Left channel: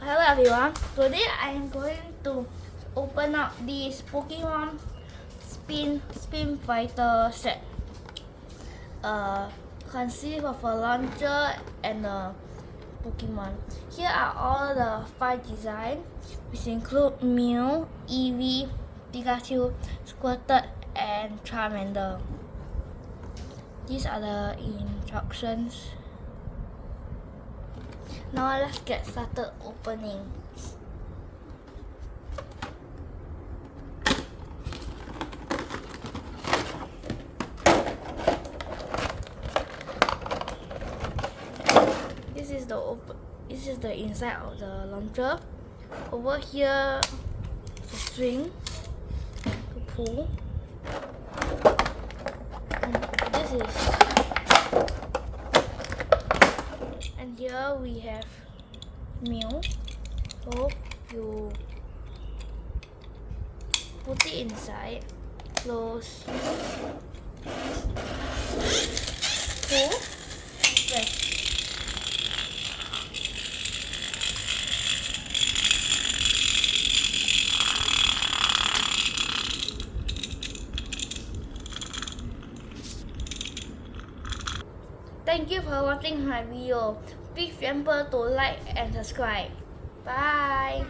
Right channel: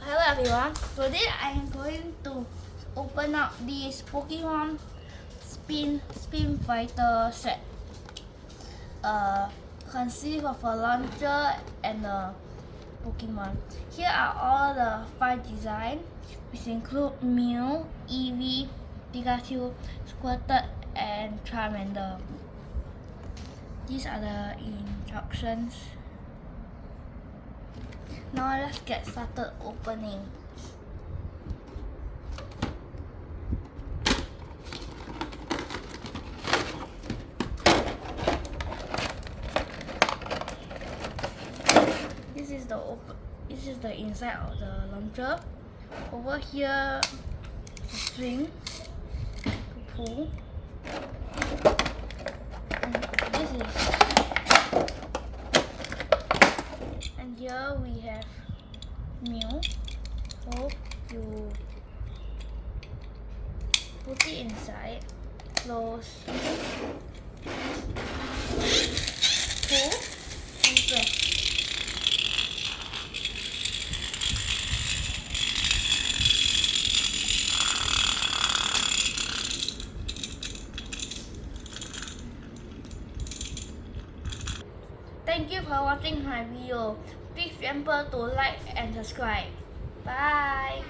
Hello everyone, today I am going to open up this Pokemon Spin Fighter set. Consists of a launcher and a Pokemon. Here are all the 5 designs, which include Mew, Eevee, Pikachu, Squirtle, and Charmander. These are the instructions. Now let's get started opening. This is the inside of the launcher. Over here, the string to pull. And here we have Mew. So you put it inside, close, pull, and press. Thank you for watching my video. Please remember to like and subscribe. Bye.